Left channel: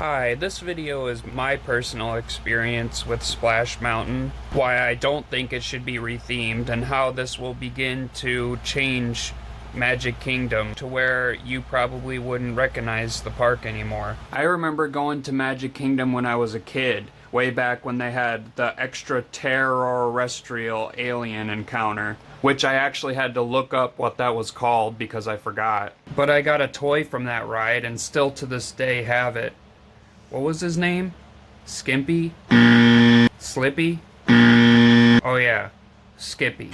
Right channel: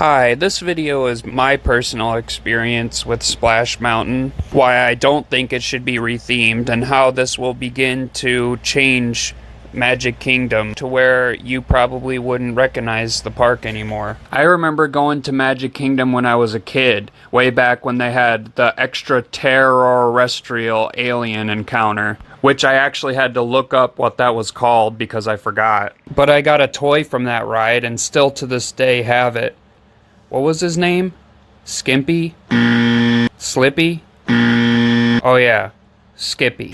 Hi, this video is my personal experience with Splash Mountain, why I don't think it should be rethemed, and how this will begin to change Magic Kingdom to where you probably wouldn't recognize the park anymore. I remember going to Magic Kingdom when I was a kid, way back when they had the extraterrestrial alien encounter, which I actually had to look up what that was called because I forgot. But I got a toy from that ride and still to this day have it. What was his name? Skimpy? Slippy? Oh yeah, Skippy.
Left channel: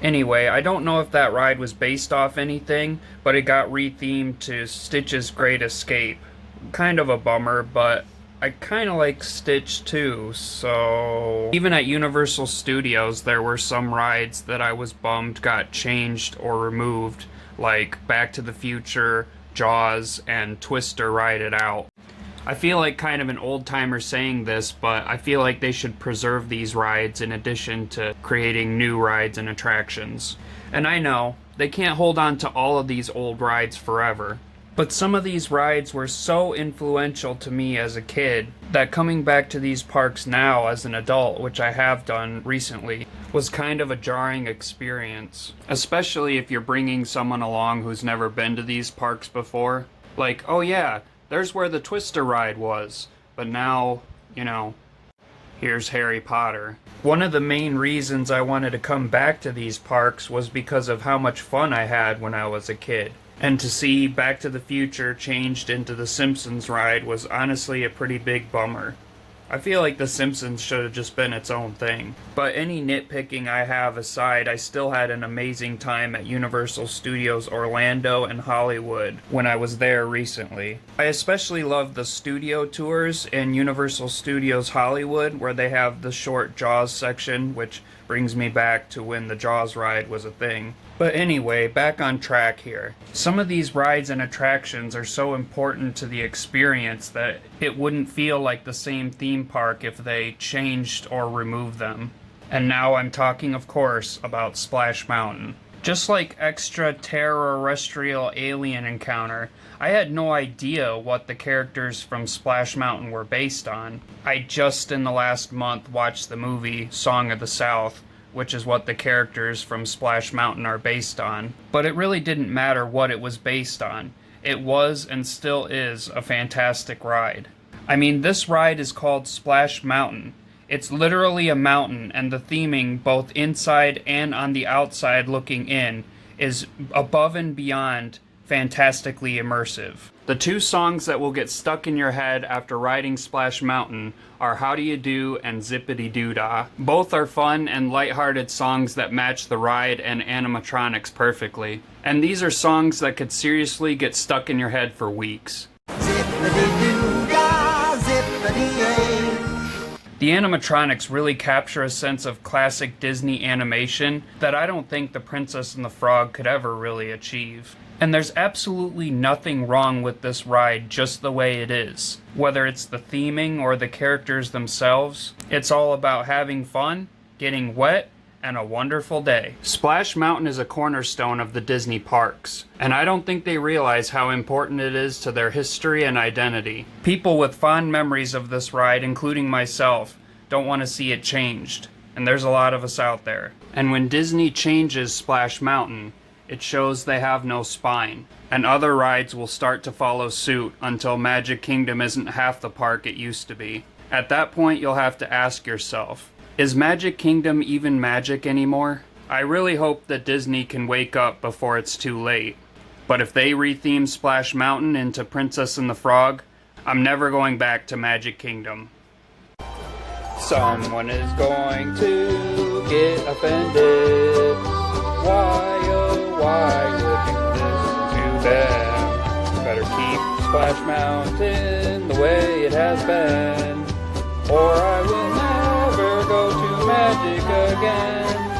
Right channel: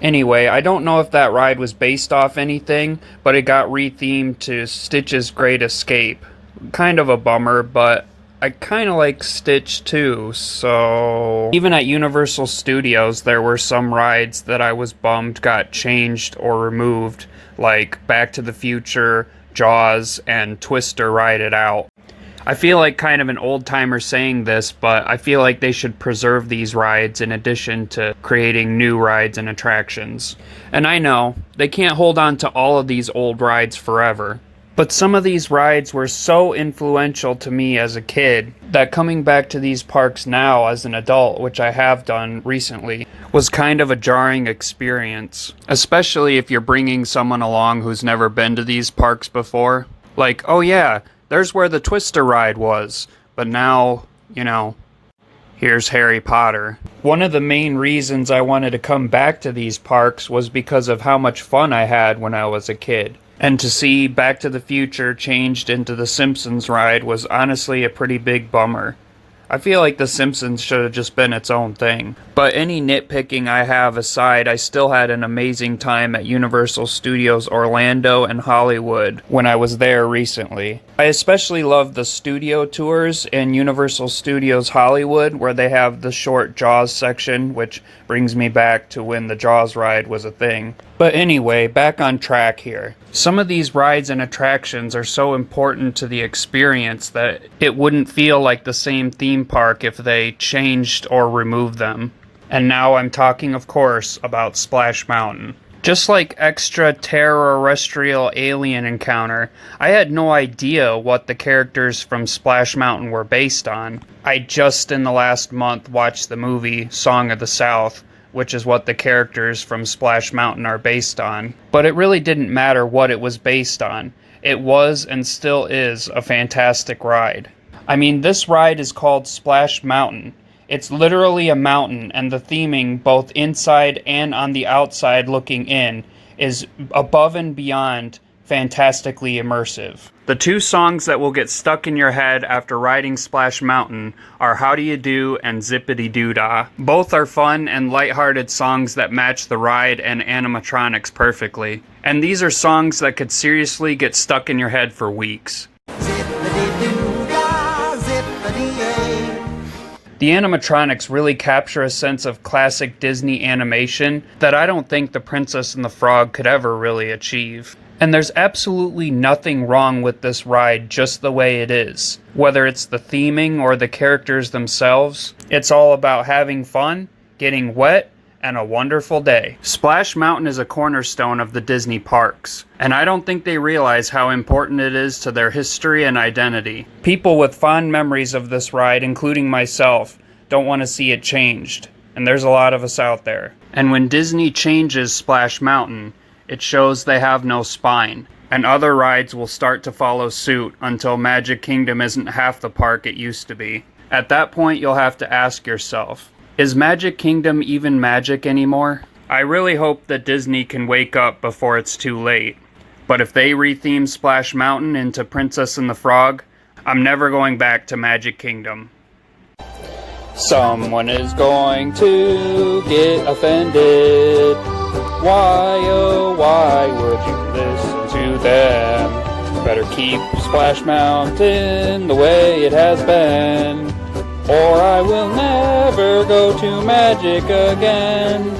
Anyway, I don't know if that ride was based off anything, but it got rethemed to Stitch's Great Escape. Kind of a bummer, but I kind of like Stitch too, so... Even at Universal Studios, there were some rides that I was bummed got changed or removed, like Back to the Future, Jaws, and Twister Ride It Out. I feel like kind of an old-timer saying this, but I feel like they should preserve these rides in addition to creating new rides and attractions. And I know, they can't hold on to all of these old rides forever. But some of these rides were so influential to me as a kid that coming back to these parks now as an adult, which I have done recently, was kind of a jarring experience. Especially if you're bringing someone along who's never been to these parks before. Like, oh yeah, there's where the Twister ride was, but now, you know, here's Harry Potter. One of the main reasons I wanted to come back to these parks was because of how much fun I had when I was a kid. And to see Back to the Future changed into the Simpsons ride was honestly a pretty big bummer. I feel like The Simpsons should have just been its own thing. But any nitpicking I have aside, I still had an amazing time at Universal Studios Orlando and Hollywood when I was there recently. I especially love the studio tours in Universal Studios Hollywood, where they have the short Jaws section, which brings me back to when the Jaws ride was a thing. But anyway, back on track here. Some of these rides and attractions are so important to the experience that it wouldn't feel like the same theme park if they changed or removed them. And now I'm talking, of course, about Splash Mountain. Just like extraterrestrial alien encounter, I had no idea what the characters from Splash Mountain were based on. I just in the last month watched the movie Song of the South, which is what the characters from Splash Mountain are based on. But it really didn't matter what it was based on. It was and still is a fantastic ride. I mean, this ride is called Splash Mountain. It's literally a mountain, and the theming, both inside and on the outside looking in, is above and beyond fantastically immersive. The two songs that will get stuck in your head after riding Splash Mountain are How Do You Do and Zippity Doo Dah. Both are fun and lighthearted songs that match the ride and animatronics perfectly. And these are songs that could seriously get stuck in your head for weeks. Zippity Doo Dah, Zippity-yay. The animatronics really capture a sense of classic Disney animation that I don't think The Princess and the Frog could ever really achieve. And there's absolutely nothing wrong with this ride just the way it is. Whether it's the theming or the characters themselves, it's all about having fun, getting wet, and a wonderful day. Splash Mountain is a cornerstone of the Disney parks, and I don't think they realize how important it is to their history and identity. People with fond memories of this ride, including myself, don't want to see it changed, and there's a lot of us out there. And when Disney changes Splash Mountain, it shows they have no spine, and other rides will start to follow suit until Magic Kingdom isn't half the park it used to be. At that point, you'll have to ask yourself, is Magic Kingdom even magic anymore? I really hope that Disney can wake up before it's too late. But if they retheme Splash Mountain into Princess and the Frog, I'm never going back to Magic Kingdom. Someone is going to get offended. Why, oh why would you listen to them? Better keep Splash Mountain the way it has been, or I will never go to Magic again.